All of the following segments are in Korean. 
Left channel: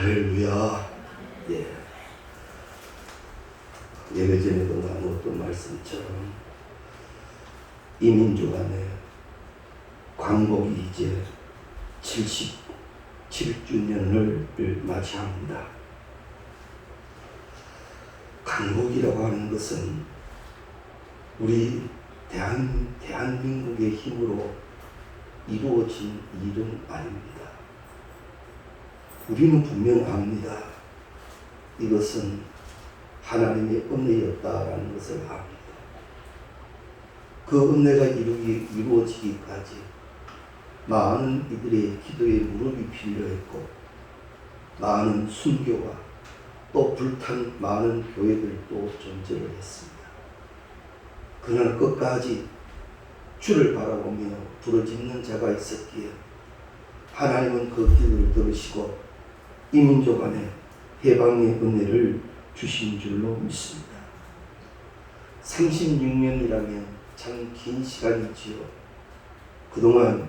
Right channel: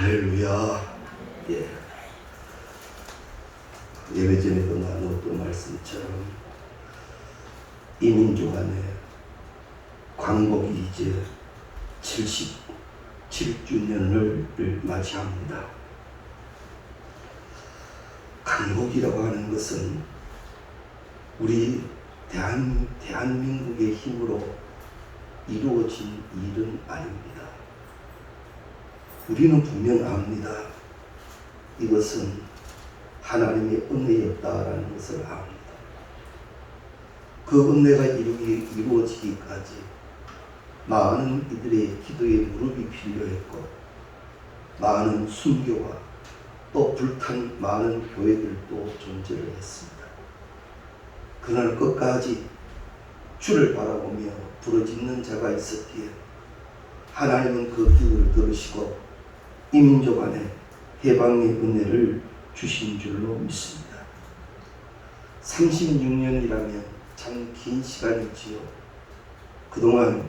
할렐루야. 예. 예배 전에도 나누었던 말씀처럼 이 민족 안에 광복이 이제 77주년을 맞이합니다. 광복이라고 하는 것은 우리 대한민국의 힘으로 이루어진 일은 아닙니다. 우리는 분명 압니다. 이것은 하나님의 은혜였다라는 것을 압니다. 그 은혜가 이루어지기까지 많은 이들의 기도에 무릎이 필요했고, 많은 순교와 또 불탄 많은 교회들도 존재를 했습니다. 그러나 끝까지 주를 바라보며 부르짖는 자가 있었기에 하나님은 그 기도를 들으시고 이 민족 안에 해방의 은혜를 주신 줄로 믿습니다. 36년이라면 참 긴 시간이지요. 그동안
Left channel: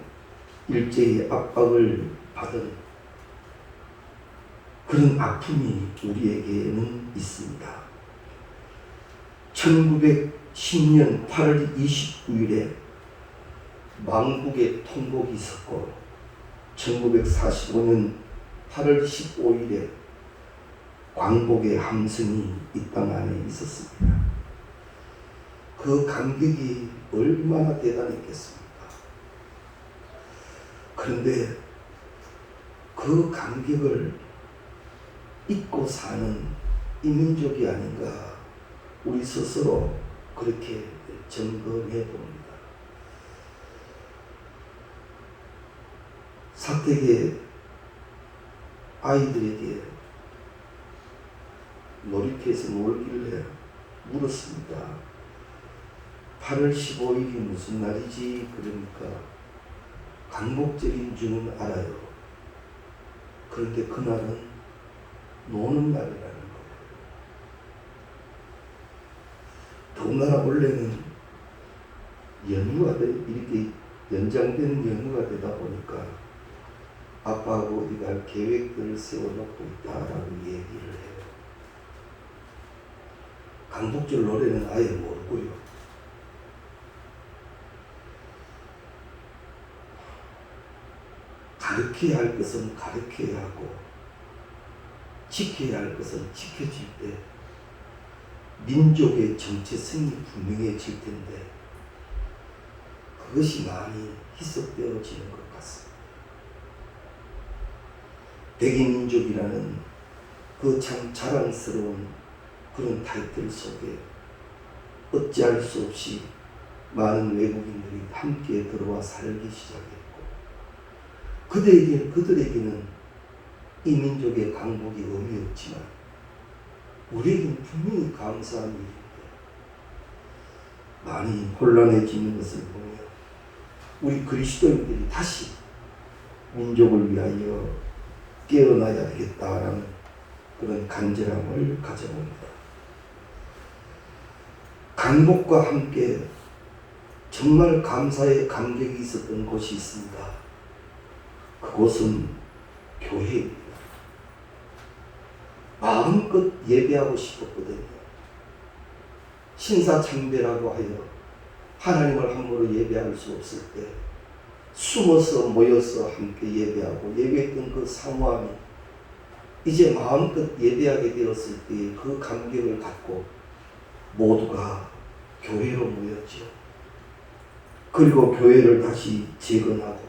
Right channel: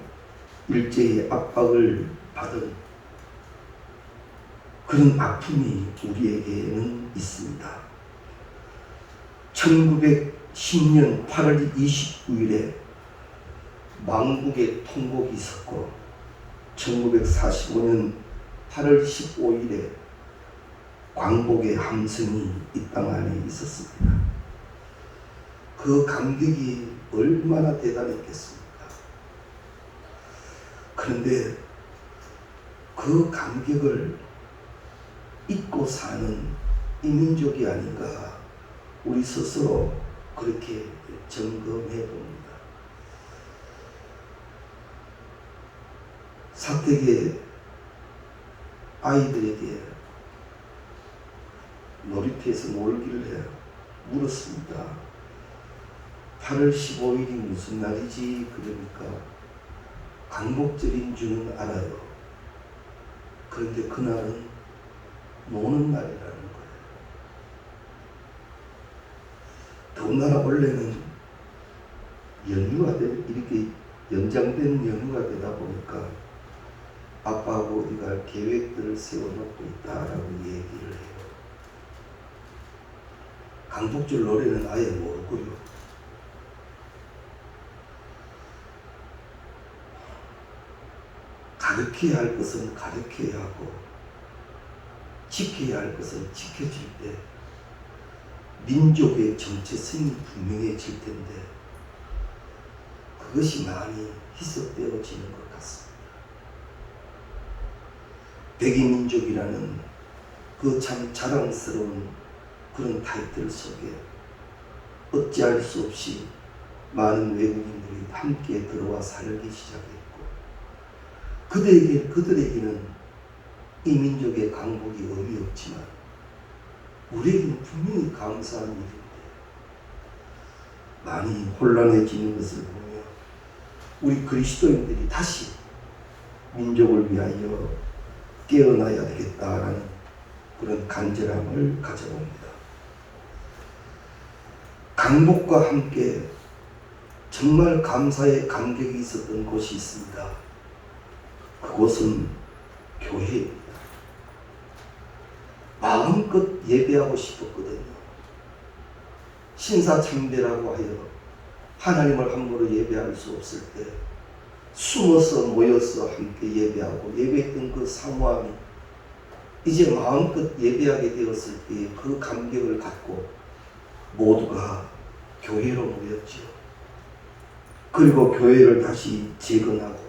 일제의 압박을 받은 그런 아픔이 우리에게는 있습니다. 1910년 8월 29일에 망국의 통곡이 있었고, 1945년 8월 15일에 광복의 함성이 이 땅 안에 있었습니다. 그 감격이 얼마나 대단했겠습니까? 그런데 그 감격을 잊고 사는 이 민족이 아닌가, 우리 스스로 그렇게 점검해 봅니다. 사택의 아이들에게 놀이터에서 놀길래 물었습니다. 8월 15일이 무슨 날이지? 그러니까 광복절인 줄은 알아요. 그런데 그날은 노는 날이라는 거예요. 더군다나 원래는 연휴가 이렇게 연장된 연휴가 되다 보니까 아빠하고 어디 갈 계획들을 세워놓고 있다라고 얘기를 해요. 광복절 노래는 아예 모르고요. 가르쳐야 할 것은 가르쳐야 하고, 지켜야 할 것은 지켜질 때 민족의 정체성이 분명해질 텐데, 그것이 많이 희석되어지는 것 같습니다. 백이민족이라는 그 참 자랑스러운 그런 타이틀 속에 어찌할 수 없이 많은 외국인들이 함께 들어와 살기 시작했고, 그들에게는 이 민족의 강복이 의미 없지만 우리에게는 분명히 감사한 일인데, 많이 혼란해지는 것을 보며 우리 그리스도인들이 다시 민족을 위하여 깨어나야 되겠다라는 그런 간절함을 가져봅니다. 강복과 함께 정말 감사의 감격이 있었던 곳이 있습니다. 그곳은 교회입니다. 마음껏 예배하고 싶었거든요. 신사참배라고 하여 하나님을 함부로 예배할 수 없을 때 숨어서 모여서 함께 예배하고, 예배했던 그 사모함이 이제 마음껏 예배하게 되었을 때의 그 감격을 갖고 모두가 교회로 모였죠. 그리고 교회를 다시 재건하고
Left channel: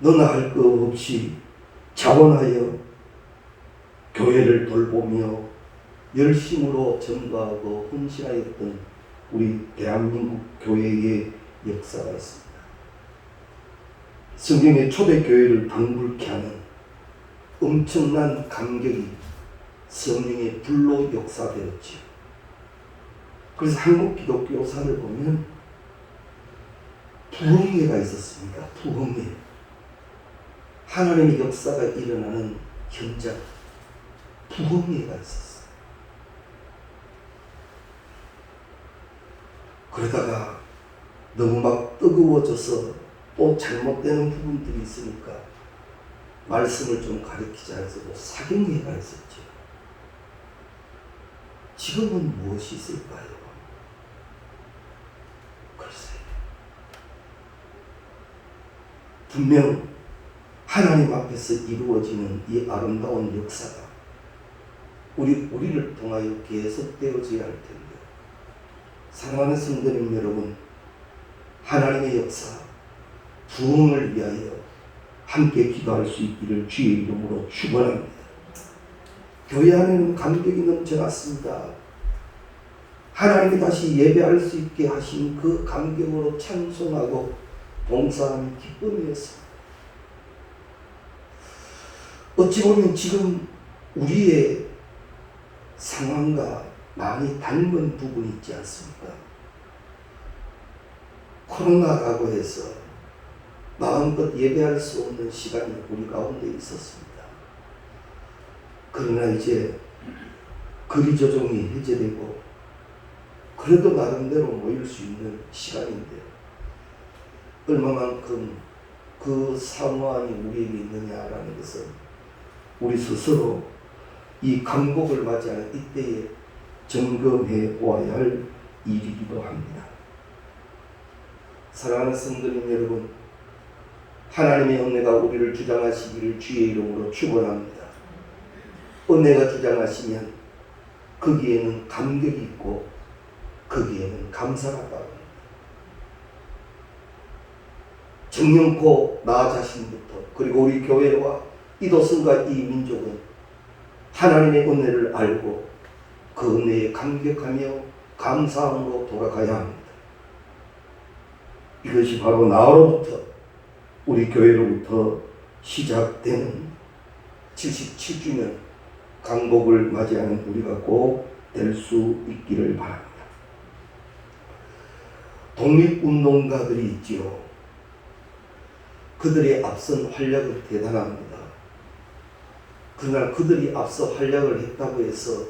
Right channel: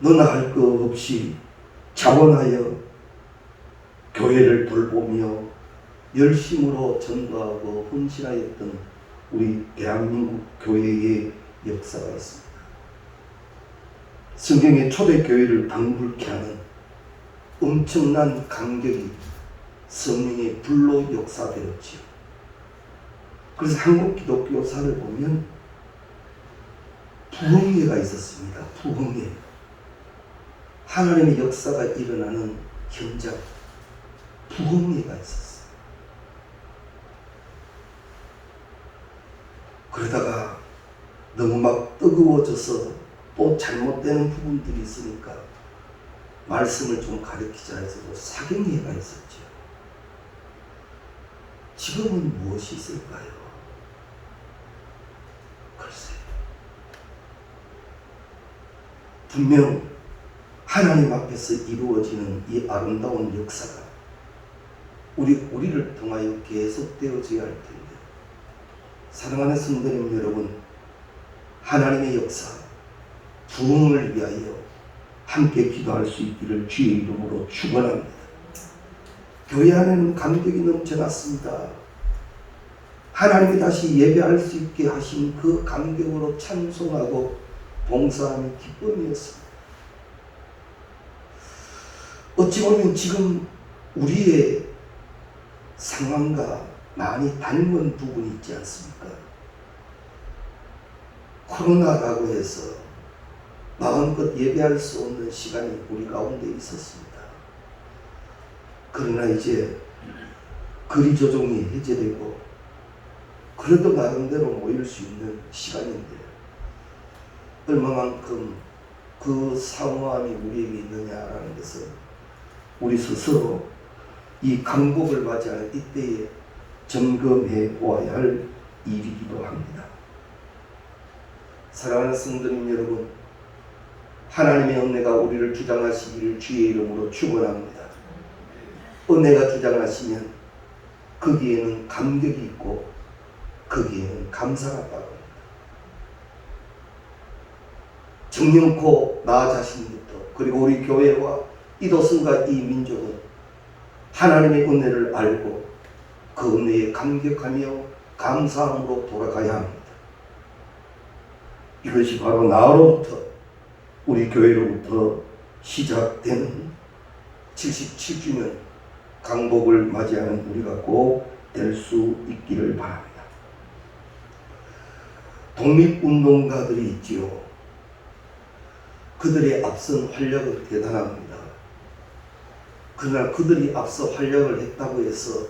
너나 할 것 없이 자원하여 교회를 돌보며 열심으로 전도하고 헌신하였던 우리 대한민국 교회의 역사가 있습니다. 성경의 초대교회를 방불케 하는 엄청난 감격이 성령의 불로 역사되었지요. 그래서 한국 기독교사를 보면 부흥회가 있었습니다. 부흥회. 하나님의 역사가 일어나는 현장, 부흥회가 있었어요. 그러다가 너무 막 뜨거워져서 또 잘못되는 부분들이 있으니까 말씀을 좀 가르치자 해서도 사경회가 있었죠. 지금은 무엇이 있을까요? 글쎄, 분명 하나님 앞에서 이루어지는 이 아름다운 역사가 우리를 통하여 계속되어져야 할 텐데, 사랑하는 성도님 여러분, 하나님의 역사, 부흥을 위하여 함께 기도할 수 있기를 주의 이름으로 축원합니다. 교회 안에는 감격이 넘쳐났습니다. 하나님이 다시 예배할 수 있게 하신 그 감격으로 찬송하고 봉사함이 기쁨이었습니다. 어찌 보면 지금 우리의 상황과 많이 닮은 부분이 있지 않습니까? 코로나라고 해서 마음껏 예배할 수 없는 시간이 우리 가운데 있었습니다. 그러나 이제 거리 조정이 해제되고 그래도 나름대로 모일 수 있는 시간인데, 얼마만큼 그 사모함이 우리에게 있느냐라는 것은 우리 스스로 이 강복을 맞이하는 이때에 점검해 보아야 할 일이기도 합니다. 사랑하는 성도님 여러분, 하나님의 은혜가 우리를 주장하시기를 주의 이름으로 축원합니다. 은혜가 주장하시면 거기에는 감격이 있고 거기에는 감사가 따릅니다. 정령코 나 자신부터, 그리고 우리 교회와 이도성과 이 민족은 하나님의 은혜를 알고 그 은혜에 감격하며 감사함으로 돌아가야 합니다. 이것이 바로 나로부터, 우리 교회로부터 시작되는 77주년 강복을 맞이하는 우리가 꼭 될 수 있기를 바랍니다. 독립운동가들이 있지요. 그들의 앞선 활약은 대단합니다. 그러나 그들이 앞서 활약을 했다고 해서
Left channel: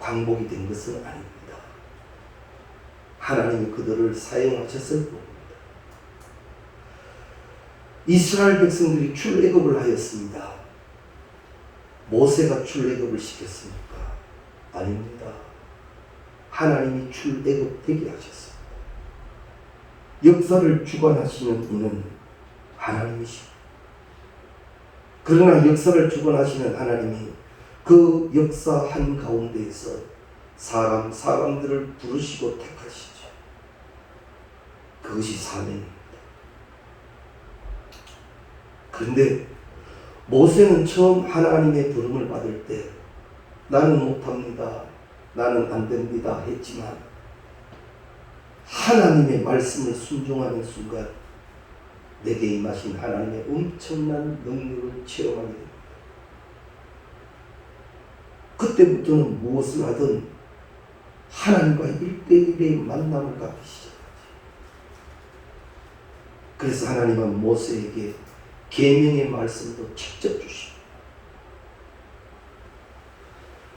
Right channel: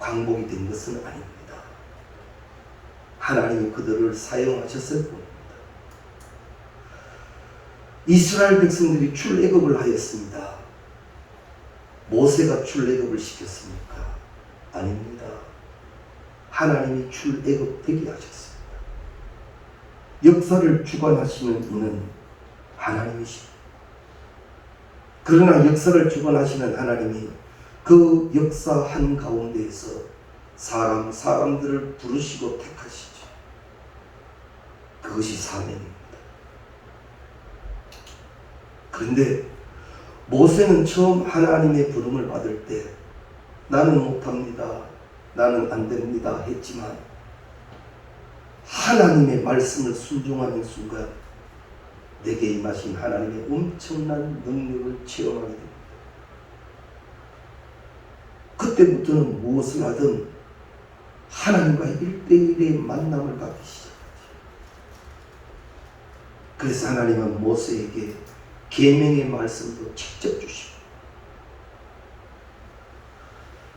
광복이 된 것은 아닙니다. 하나님이 그들을 사용하셨을 뿐입니다. 이스라엘 백성들이 출애굽을 하였습니다. 모세가 출애굽을 시켰습니까? 아닙니다. 하나님이 출애굽되게 하셨습니다. 역사를 주관하시는 이는 하나님이십니다. 그러나 역사를 주관하시는 하나님이 그 역사 한가운데에서 사람들을 부르시고 택하시죠. 그것이 사명입니다. 그런데 모세는 처음 하나님의 부름을 받을 때 나는 못합니다, 나는 안 됩니다 했지만 하나님의 말씀을 순종하는 순간 내게 임하신 하나님의 엄청난 능력을 체험하게 됩니다. 그때부터는 무엇을 하든 하나님과 1대1의 만남을 갖기 시작하죠. 그래서 하나님은 모세에게 계명의 말씀도 직접 주시고,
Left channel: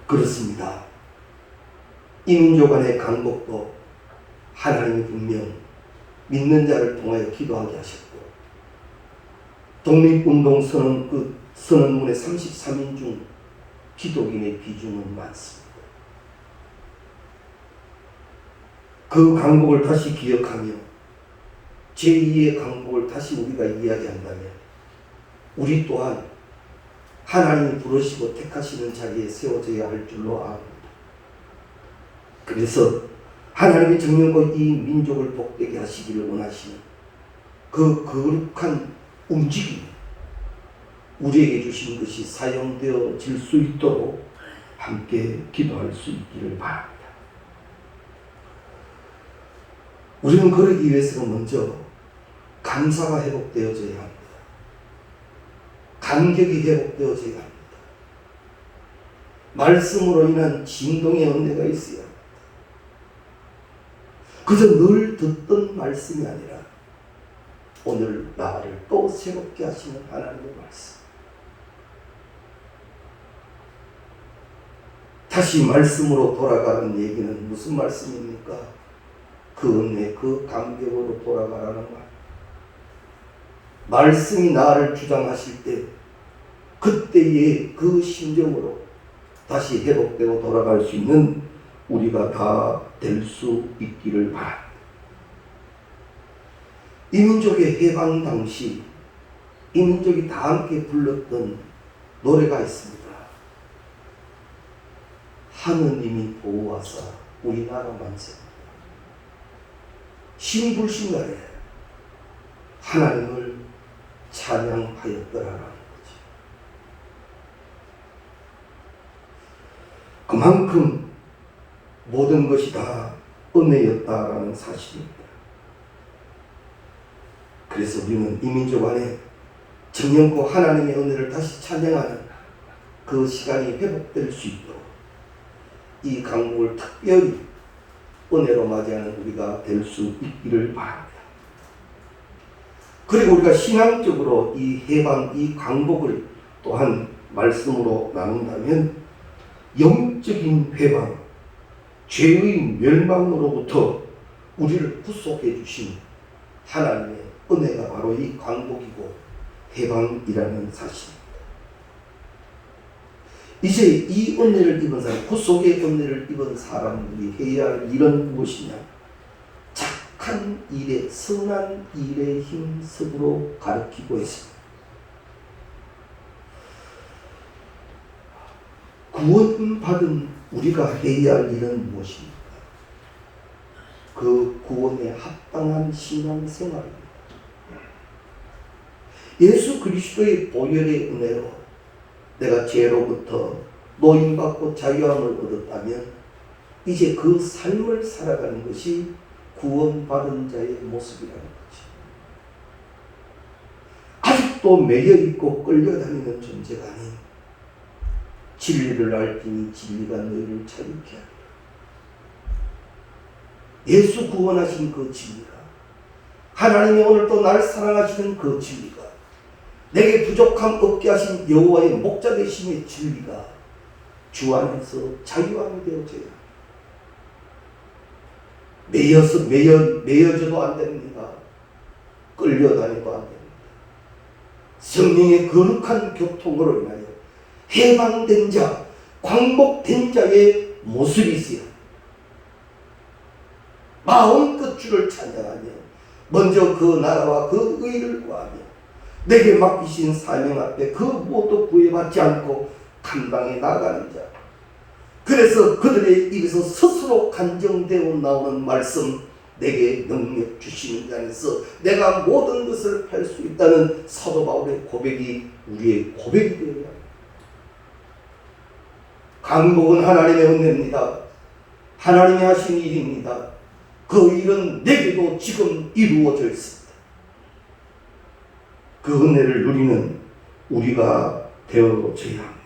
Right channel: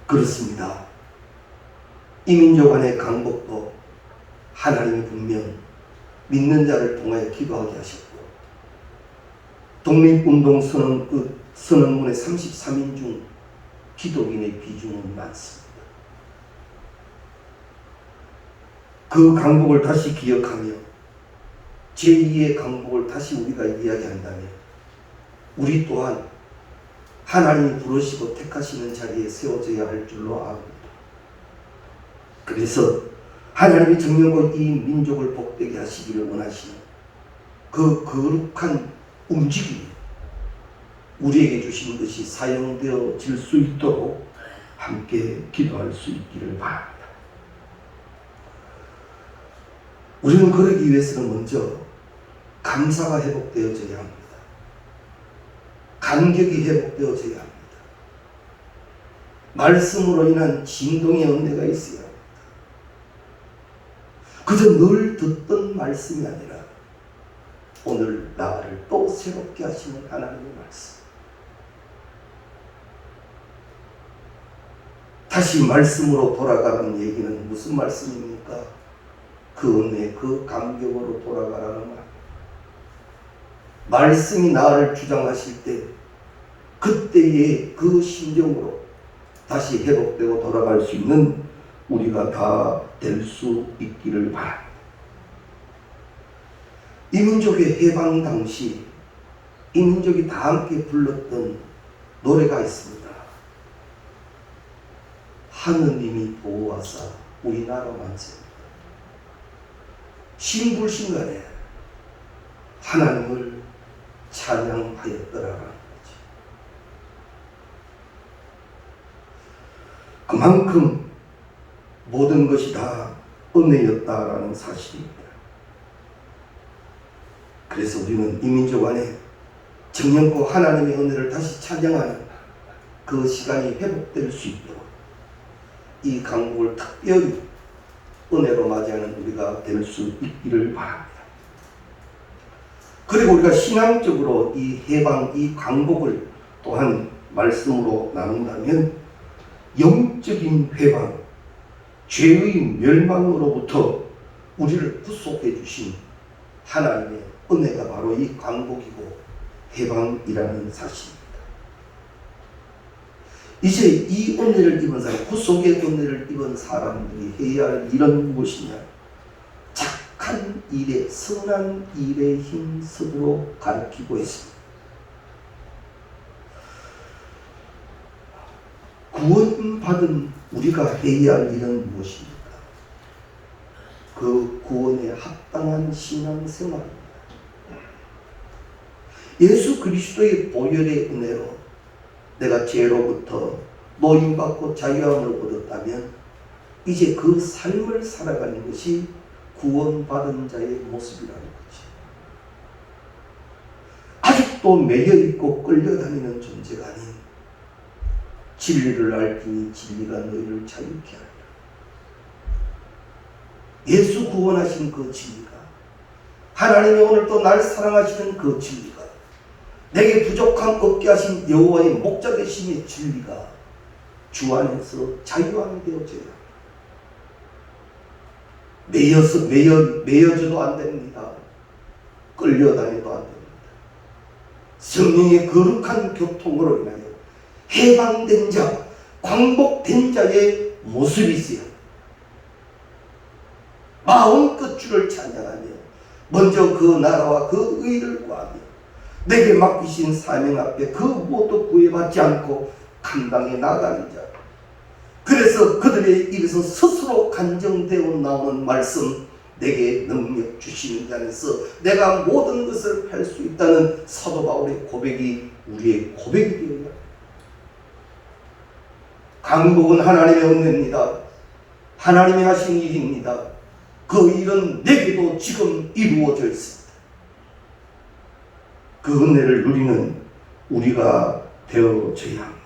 그렇습니다. 이 민족 안의 강복도 하나님이 분명 믿는 자를 통하여 기도하게 하셨고, 독립운동 선언문의 33인 중 기독인의 비중은 많습니다. 그 강복을 다시 기억하며 제2의 강복을 다시 우리가 이야기한다면 우리 또한 하나님이 부르시고 택하시는 자리에 세워져야 할 줄로 압니다. 그래서 하나님이 정령과 이 민족을 복되게 하시기를 원하시는 그 거룩한 움직임이 우리에게 주신 것이 사용되어질 수 있도록 함께 기도할 수 있기를 바랍니다. 우리는 그러기 위해서는 먼저 감사가 회복되어져야 합니다. 감격이 회복되어져야 합니다. 말씀으로 인한 진동의 은혜가 있어야 합니다. 그저 늘 듣던 말씀이 아니라 오늘 나를 또 새롭게 하시는 하나님의 말씀. 다시 말씀으로 돌아가라는 얘기는 무슨 말씀입니까? 그 은혜, 그 감격으로 돌아가라는 말. 말씀이 나를 주장하실 때 그때의 그 심정으로 다시 회복되고 돌아갈 수 있는 우리가 다 될 수 있기를 바랍니다. 이 민족의 해방 당시 이 민족이 다 함께 불렀던 노래가 있습니다. 하느님이 보호하사 우리나라 만세. 신불신간에 하나님을 찬양하였더라라는 거지. 그만큼 모든 것이 다 은혜였다라는 사실입니다. 그래서 우리는 이 민족 안에 정령코 하나님의 은혜를 다시 찬양하는 그 시간이 회복될 수 있도록 이 강복을 특별히 은혜로 맞이하는 우리가 될 수 있기를 바랍니다. 그리고 우리가 신앙적으로 이 해방, 이 강복을 또한 말씀으로 나눈다면 영적인 회방, 죄의 멸망으로부터 우리를 구속해 주신 하나님의 은혜가 바로 이 강복이고 해방이라는 사실입니다. 이제 이 은혜를 입은 사람, 구속의 은혜를 입은 사람들이 해야 할 일은 무엇이냐? 착한 일에, 선한 일에 힘쓰도록 가르치고 있습니다. 구원받은 우리가 해야 할 일은 무엇입니까? 그 구원에 합당한 신앙생활입니다. 예수 그리스도의 보혈의 은혜로 내가 죄로부터 노임받고 자유함을 얻었다면 이제 그 삶을 살아가는 것이 구원받은 자의 모습이라는 거지. 아직도 매여있고 끌려다니는 존재가 아닌 진리를 알기니 진리가 너희를 자유케 하리라. 예수 구원하신 그 진리가, 하나님이 오늘도 날 사랑하시는 그 진리가, 내게 부족함 없게 하신 여호와의 목자 되심의 진리가 주 안에서 자유함이 되어져야 합니다. 매여져도 안 됩니다. 끌려다녀도 안 됩니다. 성령의 거룩한 교통으로 인하여 해방된 자, 광복된 자의 모습이 있어야 합니다. 마음껏 주를 찬양하며 먼저 그 나라와 그 의를 구하며 내게 맡기신 사명 앞에 그 무엇도 구애받지 않고 감당해 나가는 자. 그래서 그들의 입에서 스스로 간정되어 나오는 말씀, 내게 능력 주시는 자 안에서 내가 모든 것을 할 수 있다는 사도 바울의 고백이 우리의 고백이 되어야 합니다. 강복은 하나님의 은혜입니다. 하나님이 하신 일입니다. 그 일은 내게도 지금 이루어져 있습니다. 그 은혜를 누리는 우리가 되어져야 합니다.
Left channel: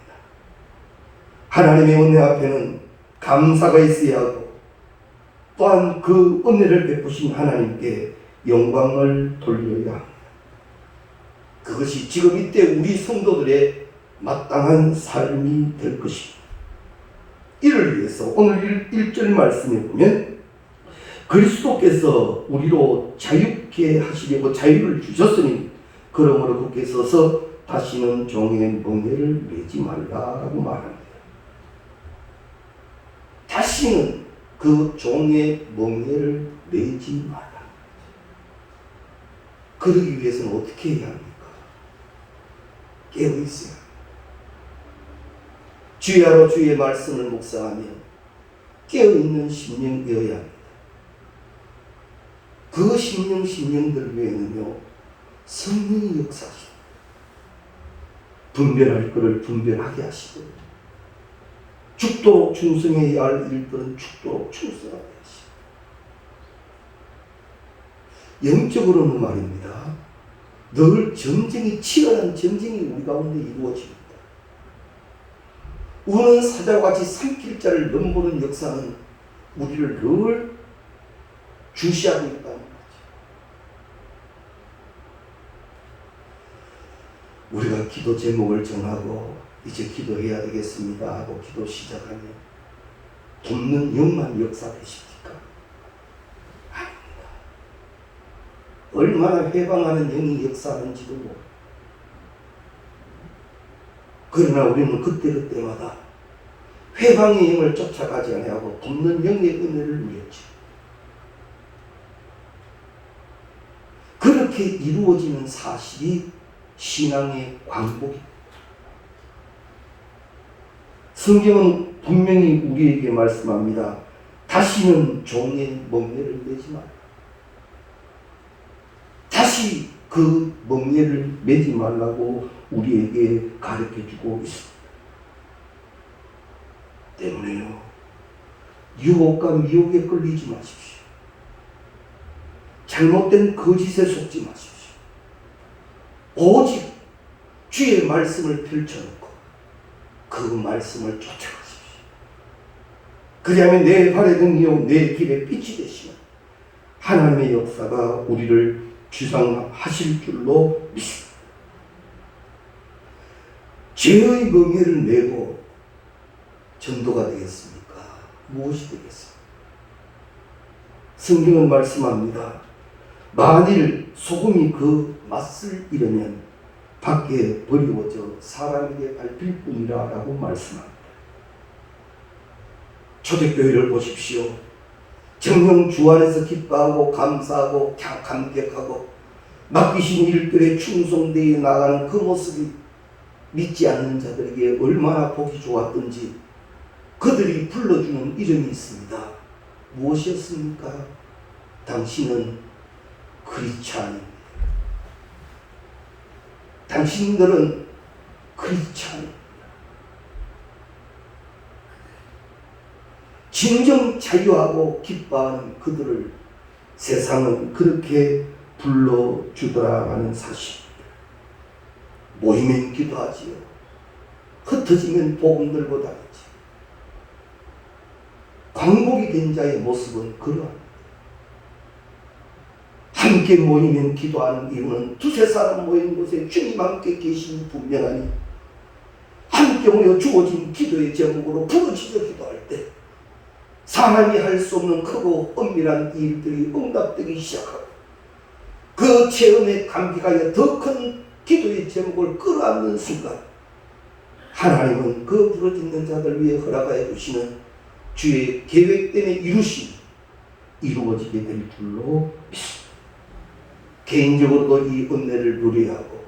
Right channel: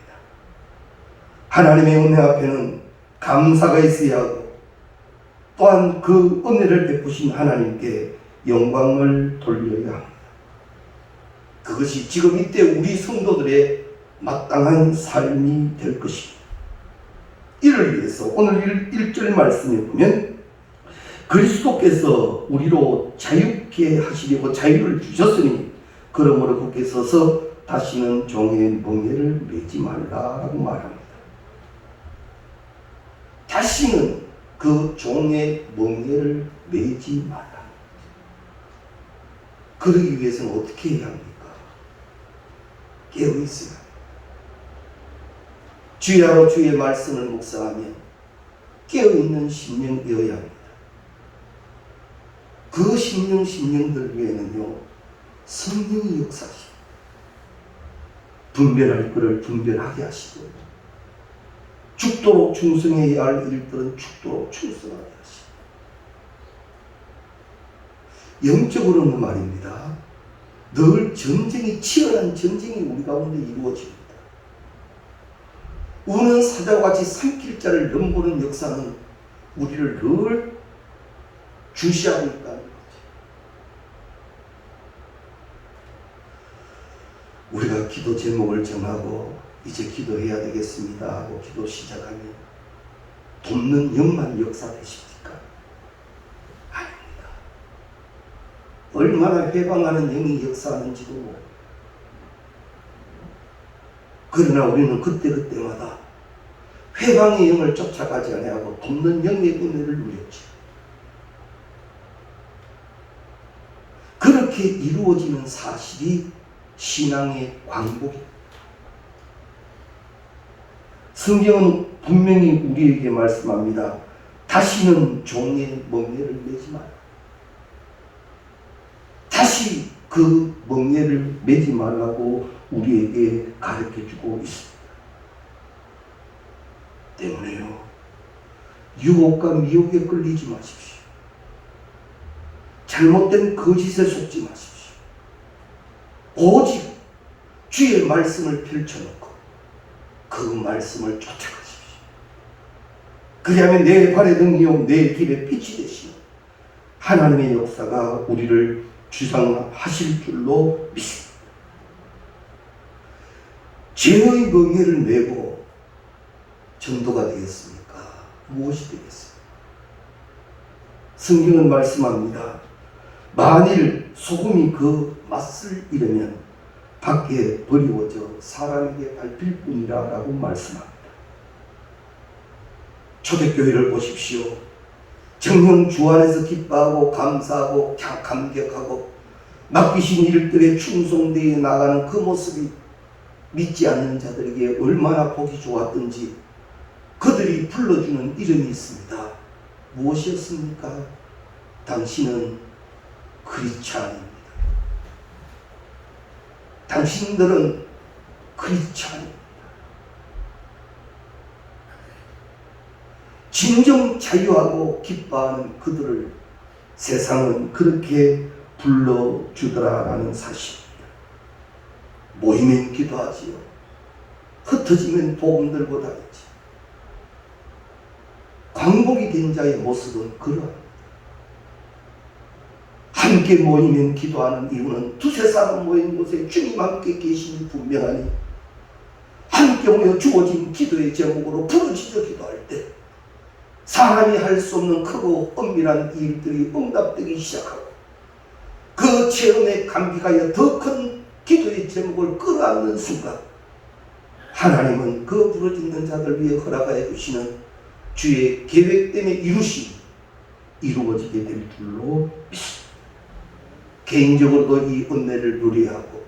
하나님의 은혜 앞에는 감사가 있어야 하고 또한 그 은혜를 베푸신 하나님께 영광을 돌려야 합니다. 그것이 지금 이때 우리 성도들의 마땅한 삶이 될 것입니다. 이를 위해서 오늘 1절 말씀에 보면 그리스도께서 우리로 자유케 하시려고 자유를 주셨으니 그러므로 굳게 서서 다시는 종의 멍에를 매지 말라라고 말합니다. 다시는 그 종의 멍에를 매지 말라. 그러기 위해서는 어떻게 해야 합니까? 깨어 있어야 합니다. 주야로 주의 말씀을 묵상하며 깨어있는 심령이어야 합니다. 그 심령들 외에는요, 성령이 역사하십니다. 분별할 것을 분별하게 하시고 죽도록 충성해야 할 일들은 죽도록 충성하게 하시고 영적으로는 말입니다. 늘 전쟁이, 치열한 전쟁이 우리 가운데 이루어집니다. 우는 사자와 같이 삼킬 자를 넘보는 역사는 우리를 늘 주시하고 있다는 거죠. 우리가 기도 제목을 정하고 이제 기도해야 되겠습니다 하고 기도 시작하면 돕는 영만 역사되십니까? 아닙니다. 얼마나 회방하는 영이 역사하는지도 모릅니다. 그러나 우리는 그때그때마다 회방의 영을 쫓아가지 아니하고 돕는 영의 은혜를 누렸지. 그렇게 이루어지는 사실이 신앙의 광복입니다. 성경은 분명히 우리에게 말씀합니다. 다시는 종의 멍에를 매지 마라. 다시 그 멍에를 매지 말라고 우리에게 가르쳐주고 있습니다. 때문에요, 유혹과 미혹에 끌리지 마십시오. 잘못된 거짓에 속지 마십시오. 오직 주의 말씀을 펼쳐놓고 그 말씀을 쫓아가십시오. 그리하면 내 발의 등이요 내 길의 빛이 되시는 하나님의 역사가 우리를 주장하실 줄로 믿습니다. 죄의 멍에를 메고 전도가 되겠습니까? 무엇이 되겠습니까? 성경은 말씀합니다. 만일 소금이 그 맛을 잃으면 밖에 버리워져 사람에게 밟힐 뿐이라 라고 말씀합니다. 초대교회를 보십시오. 정녕 주 안에서 기뻐하고 감사하고 감격하고 맡기신 일들에 충성되어 나가는 그 모습이 믿지 않는 자들에게 얼마나 보기 좋았던지 그들이 불러주는 이름이 있습니다. 무엇이었습니까? 당신은 크리스찬입니다. 당신들은 크리스찬입니다. 진정 자유하고 기뻐하는 그들을 세상은 그렇게 불러주더라라는 사실입니다. 모이면 기도하지요. 흩어지면 복음 들고 다니지. 광복이 된 자의 모습은 그러합니다. 함께 모이면 기도하는 이유는 두세 사람 모인 곳에 주님 함께 계심이 분명하니 함께 모여 주어진 기도의 제목으로 부르짖어 기도할 때 사람이 할 수 없는 크고 엄밀한 일들이 응답되기 시작하고 그 체험에 감격하여 더 큰 기도의 제목을 끌어안는 순간 하나님은 그 부르짖는 자들 위해 허락하여 주시는 주의 계획된 이루심이 이루어지게 될 줄로 믿습니다. 개인적으로도 이 은혜를 누려야 하고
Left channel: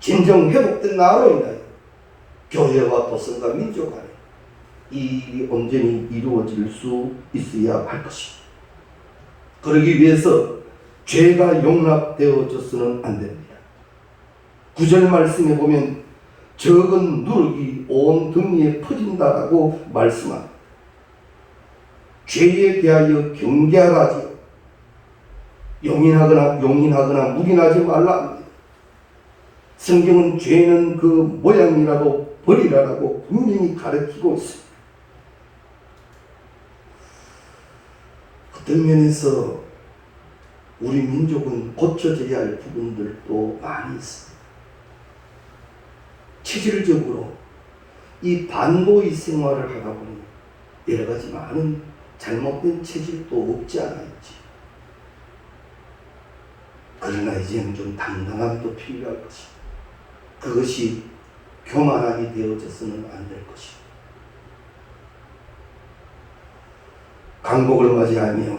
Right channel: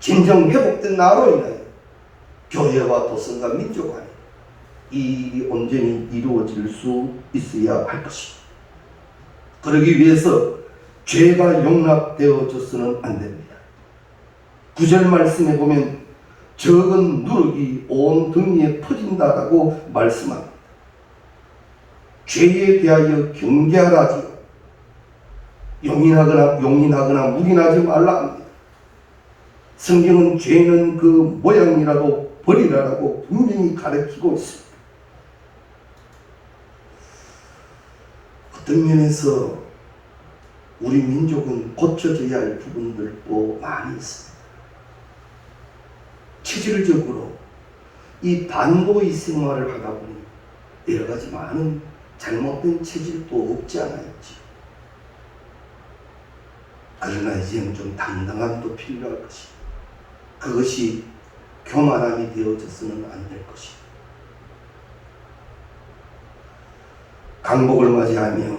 진정 회복된 나로 인하여 교회와 도성과 민족 간에 이 일이 온전히 이루어질 수 있어야 할 것입니다. 그러기 위해서 죄가 용납되어져서는 안 됩니다. 9절 말씀에 보면 적은 누룩이 온 등위에 퍼진다라고 말씀합니다. 죄에 대하여 경계하라지요. 용인하거나 묵인하지 말라 합니다. 성경은 죄는 그 모양이라도 버리라라고 분명히 가르치고 있습니다. 어떤 면에서 우리 민족은 고쳐져야 할 부분들도 많이 있습니다. 체질적으로 이 반도의 생활을 하다 보니 여러 가지 많은 잘못된 체질도 없지 않아 있지. 그러나 이제는 좀 당당함도 필요할 것이다. 그것이 교만함이 되어져서는 안 될 것이다. 강복을 맞이하며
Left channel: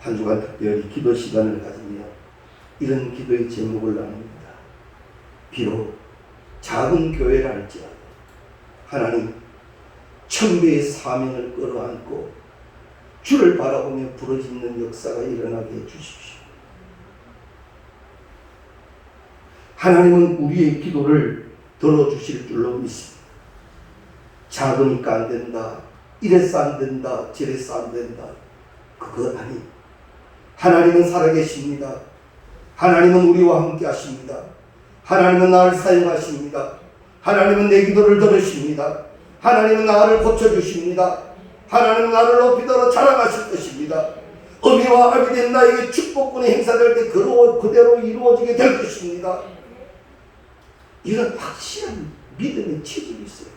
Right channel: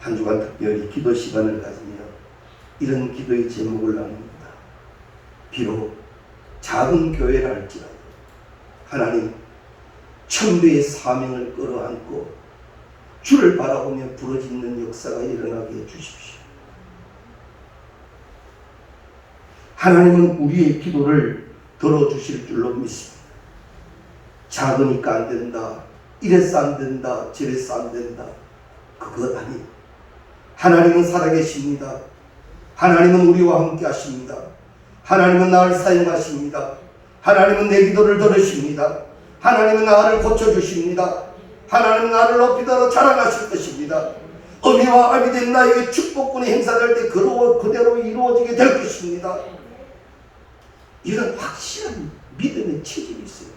한 주간 특별히 기도 시간을 가지며 이런 기도의 제목을 나눕니다. 비록 작은 교회라 할지라도 하나님 천배의 사명을 끌어안고 주를 바라보며 부르짖는 역사가 일어나게 해주십시오. 하나님은 우리의 기도를 들어주실 줄로 믿습니다. 작으니까 안 된다, 이래서 안 된다, 저래서 안 된다, 그것 아니. 하나님은 살아계십니다. 하나님은 우리와 함께 하십니다. 하나님은 나를 사용하십니다. 하나님은 내 기도를 들으십니다. 하나님은 나를 고쳐주십니다. 하나님은 나를 높이도록 자랑하실 것입니다. 어미와 아비 된 나에게 축복권이 행사될 때 그대로 이루어지게 될 것입니다. 이런 확실한 믿음의 체질이 있어요.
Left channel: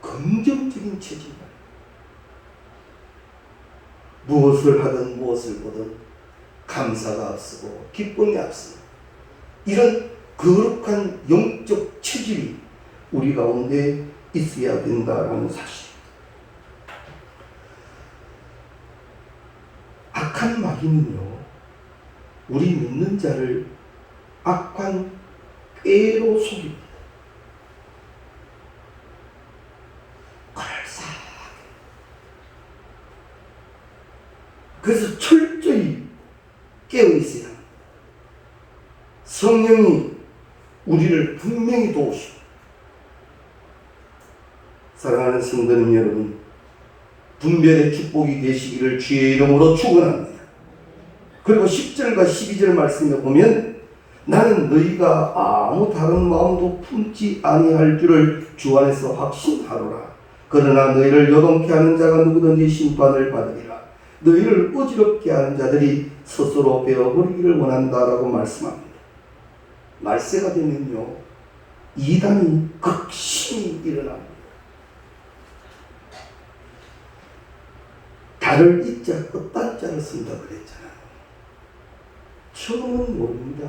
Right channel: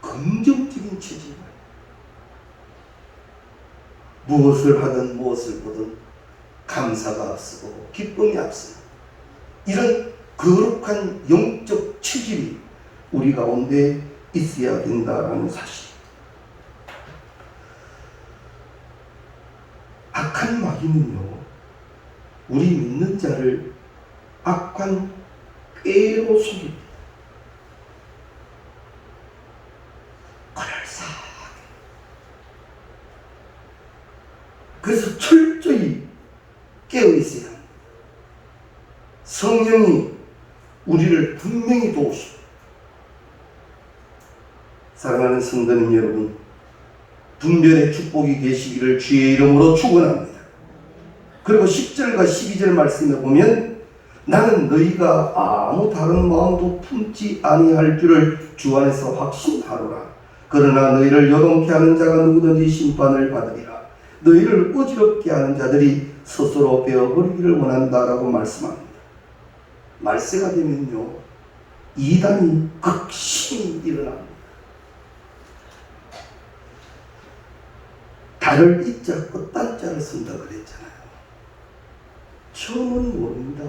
긍정적인 체질. 무엇을 하든 무엇을 보든 감사가 앞서고 기쁨이 앞서는 이런 거룩한 영적 체질이 우리 가운데 있어야 된다라는 사실. 악한 마귀는요, 우리 믿는 자를 악한 꾀로 속입니다. 그럴싸하게. 그래서 철저히 깨어 있어야 합니다. 성령이 우리를 분명히 도우시고. 사랑하는 성도님 여러분, 분별의 축복이 되시기를 주의 이름으로 축원합니다. 그리고 10절과 12절 말씀에 보면 나는 너희가 아무 다른 마음도 품지 아니할 줄을 주 안에서 확신하노라. 그러나 너희를 요동케 하는 자가 누구든지 심판을 받으리라. 너희를 어지럽게 하는 자들이 스스로 베어버리기를 원한다라고 말씀합니다. 말세가 되면요, 이단이 극심히 일어납니다. 달을 이자 끝단자를 쓴다 그랬잖아요. 처음은 모릅니다.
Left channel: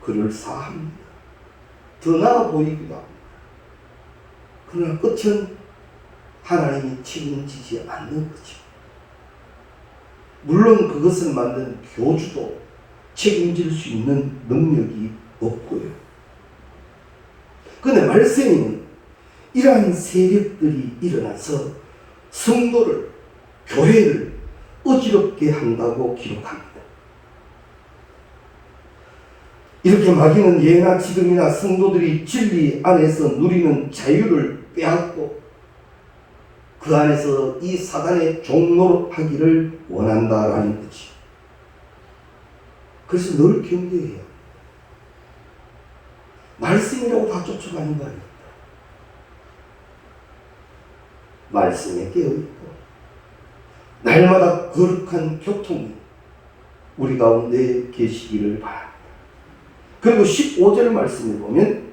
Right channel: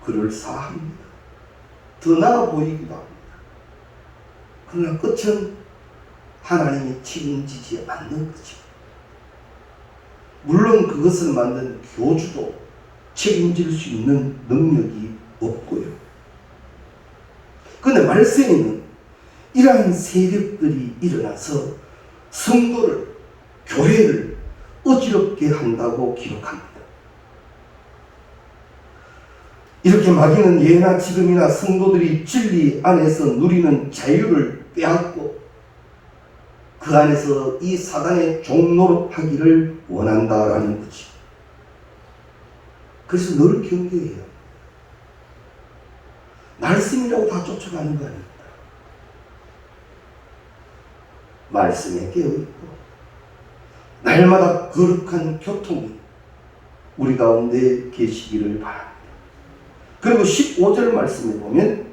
그럴싸합니다. 더 나아 보이기도 합니다. 그러나 끝은 하나님이 책임지지 않는 거죠. 물론 그것을 만든 교주도 책임질 수 있는 능력이 없고요. 그런데 말씀에는 이러한 세력들이 일어나서 성도를, 교회를 어지럽게 한다고 기록합니다. 이렇게 마귀는 예나 지금이나 성도들이 진리 안에서 누리는 자유를 빼앗고 그 안에서 이 사단의 종노릇하기를 원한다라는 거지. 그래서 늘 경계해야 합니다. 말씀이라고 다 쫓아가는 거 아닙니다. 말씀에 깨어있고 날마다 거룩한 교통이 우리 가운데 계시기를 바랍니다. 그리고 15절 말씀에 보면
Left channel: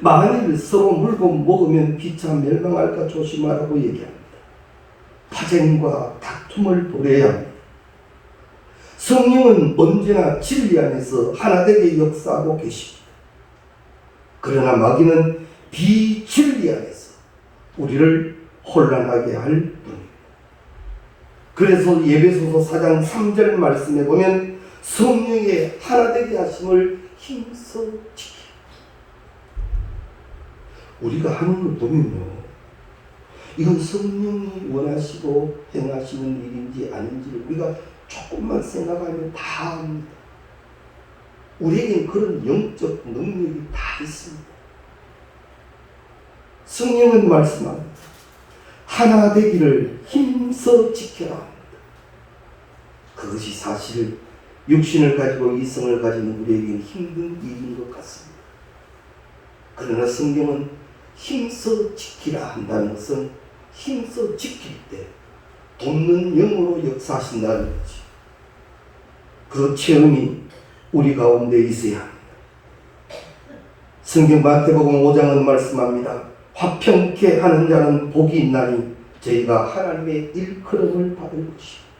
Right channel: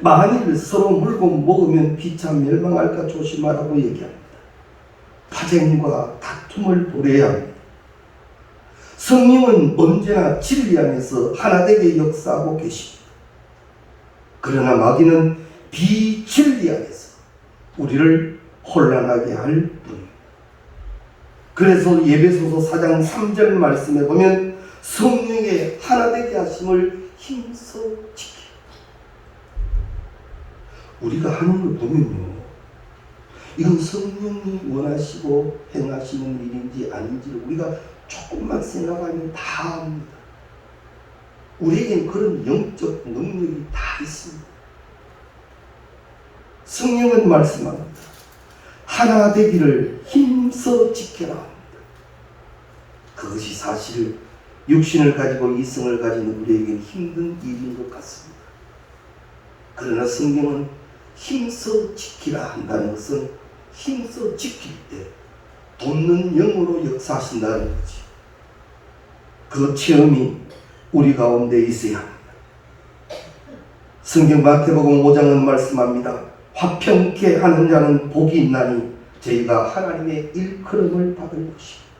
만일 서로 물고 먹으면 피차 멸망할까 조심하라고 얘기합니다. 파쟁과 다툼을 버려야 합니다. 성령은 언제나 진리 안에서 하나되게 역사하고 계십니다. 그러나 마귀는 비진리 안에서 우리를 혼란하게 할 뿐입니다. 그래서 예배소서 4장 3절 말씀에 보면 성령의 하나되게 하심을 힘써 지키라. 우리가 하는 거 보면요, 이건 성령이 원하시고 행하시는 일인지 아닌지를 우리가 조금만 생각하면 다 압니다. 우리에겐 그런 영적 능력이 다 있습니다. 성령은 말씀합니다. 하나 되기를 힘써 지켜라 합니다. 그것이 사실 육신을 가지고 이성을 가진 우리에게는 힘든 일인 것 같습니다. 그러나 성경은 힘써 지키라 한다는 것은 힘써 지킬 때 돕는 영으로 역사하신다는 거지. 그 체험이 우리 가운데 있어야 합니다. 성경 마태복음 5장은 말씀합니다. 화평케 하는 자는 복이 있나니 저희가 하나님의 일컬음을 받을 것입니다.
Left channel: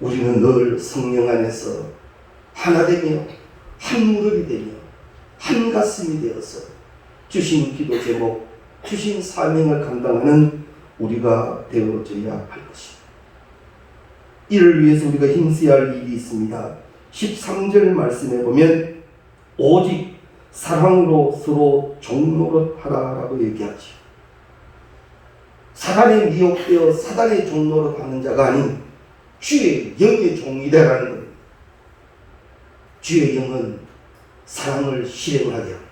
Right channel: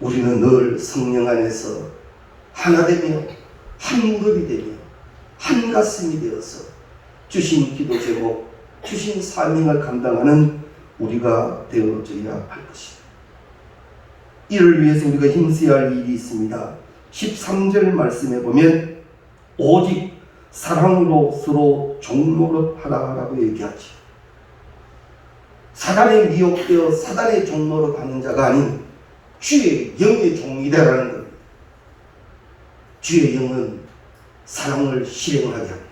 우리는 늘 성령 안에서 하나 되며 한 무릎이 되며 한 가슴이 되어서 주신 기도 제목, 주신 사명을 감당하는 우리가 되어져야 할 것입니다. 이를 위해서 우리가 힘써야 할 일이 있습니다. 13절 말씀에 보면 오직 사랑으로 서로 종노릇하라라고 얘기하지. 사단에 미혹되어 사단의 종노릇 하는 자가 아닌 주의 영의 종이 되라는 겁니다. 주의 영은 사랑을 실행하게 합니다.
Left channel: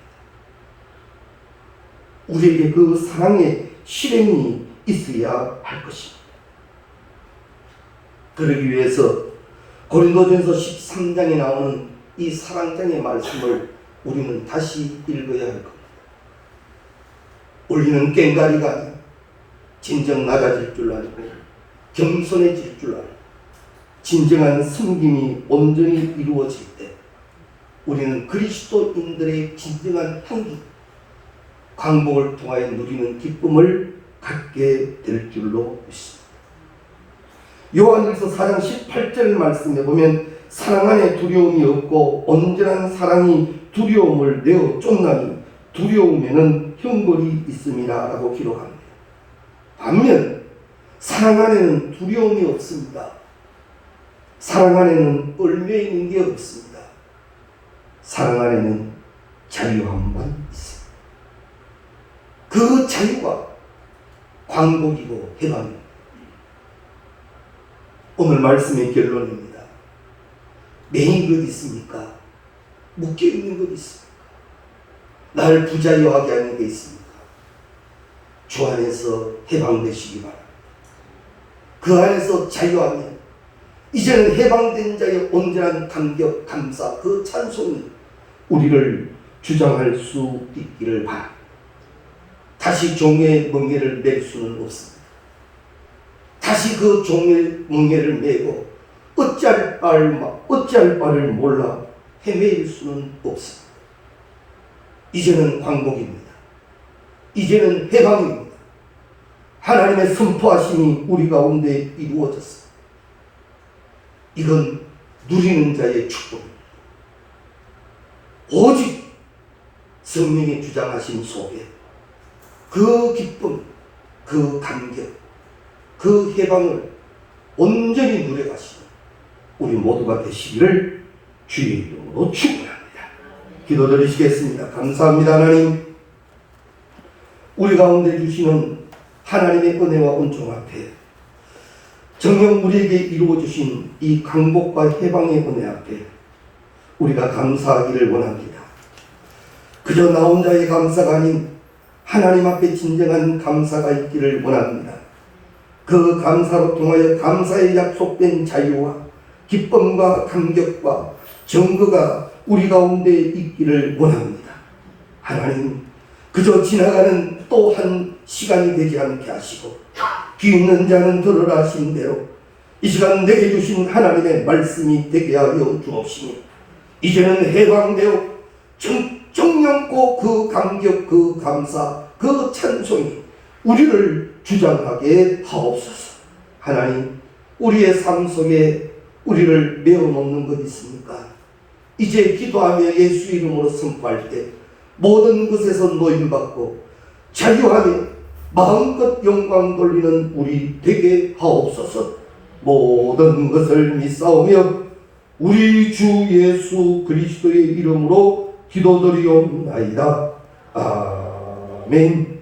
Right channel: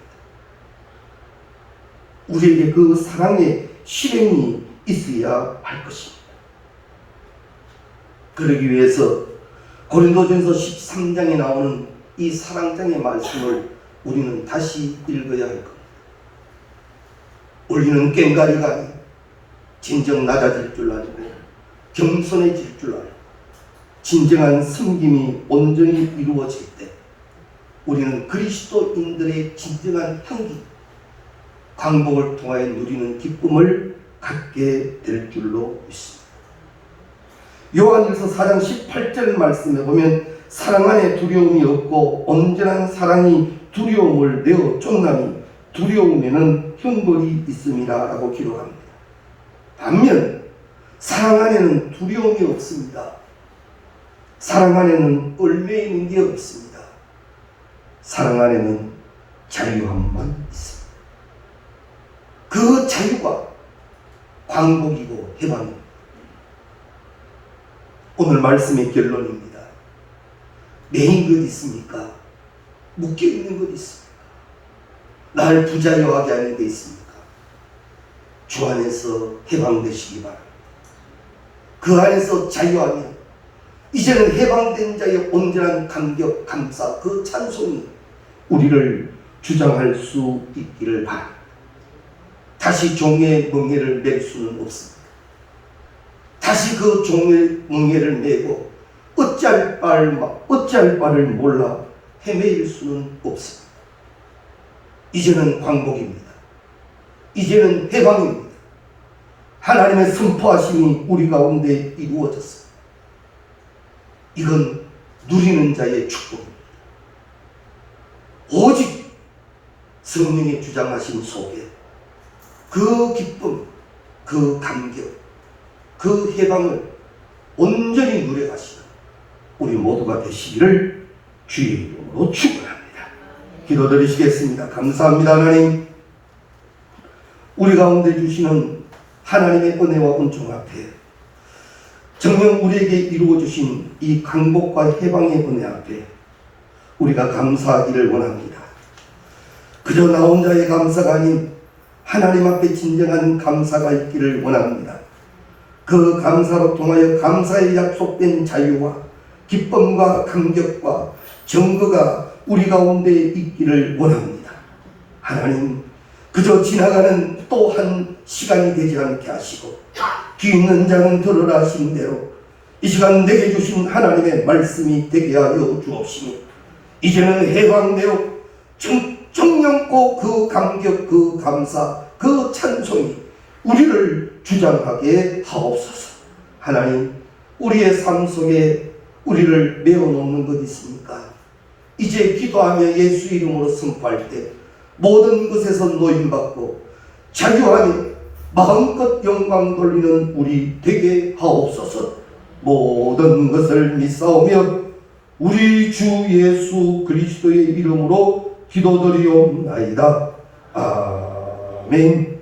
우리에게 그 사랑의 실행이 있어야 할 것입니다. 그러기 위해서 고린도전서 13장에 나오는 이 사랑장의 말씀을 우리는 다시 읽어야 할 겁니다. 우리는 꽹가리가 아닌 진정 낮아질 줄 알고 겸손해질 줄 알고 진정한 섬김이 온전히 이루어질 때 우리는 그리스도인들의 진정한 향기, 광복을 통하여 누리는 기쁨을 갖게 될 줄로 믿습니다. 요한일서 4장 18절 말씀에 보면 사랑 안에 두려움이 없고 온전한 사랑이 두려움을 내어 쫓나니 두려움에는 형벌이 있음이라 라고 기록합니다. 반면 사랑 안에는 두려움이 없습니다. 사랑 안에는 얽매여 있는 게 없습니다. 사랑 안에는 자유함만 있습니다. 그 자유가 광복이고 해방입니다. 오늘 말씀의 결론입니다. 매인 것 있습니까? 묶여있는 것 있습니까? 날 부자유하게 하는 게 있습니까? 주 안에서 해방되시기 바랍니다. 그 안에서 자유하면 이제는 해방된 자의 온전한 감격, 감사, 그 찬송이 우리를 주장할 수 있기를 바랍니다. 다시 종의 멍에를 맬 수는 없습니다. 다시 그 종의 멍에를 메고 어찌할 바를 몰라 헤매일 수는 없습니다. 이제는 광복입니다. 이제는 해방입니다. 하나님의 선포하심이 우리 가운데 이루어졌습니다. 이건 누리는 자의 축복입니다. 오직 성령의 주장하신 속에 그 기쁨, 그 감격, 그 해방을 온전히 누려가시는 우리 모두가 되시기를 주의 이름으로 축원합니다. 기도드리시겠습니다. 감사합니다. 하나님, 우리 가운데 주시는 하나님의 은혜와 은총 앞에 정녕 우리에게 이루어주신 이 강복과 해방의 은혜 앞에 우리가 감사하기를 원합니다. 그저 나 혼자의 감사가 아닌 하나님 앞에 진정한 감사가 있기를 원합니다. 그 감사로 통하여 감사에 약속된 자유와 기쁨과 감격과 정거가 우리 가운데 있기를 원합니다. 하나님, 그저 지나가는 또 한 시간이 되지 않게 하시고 귀 있는 자는 들으라 하신 대로 이 시간 내게 주신 하나님의 말씀이 되게 하여 주옵시니 이제는 해방되어 정령고 그 감격, 그 감사, 그 찬송이 우리를 주장하게 하옵소서. 하나님, 우리의 삶 속에 우리를 메어놓는 것 있습니까? 이제 기도하며 예수 이름으로 선포할 때 모든 것에서 노임받고 자유하며 마음껏 영광 돌리는 우리 되게 하옵소서. 모든 것을 믿사오며 우리 주 예수 그리스도의 이름으로 기도드리옵나이다. 아멘.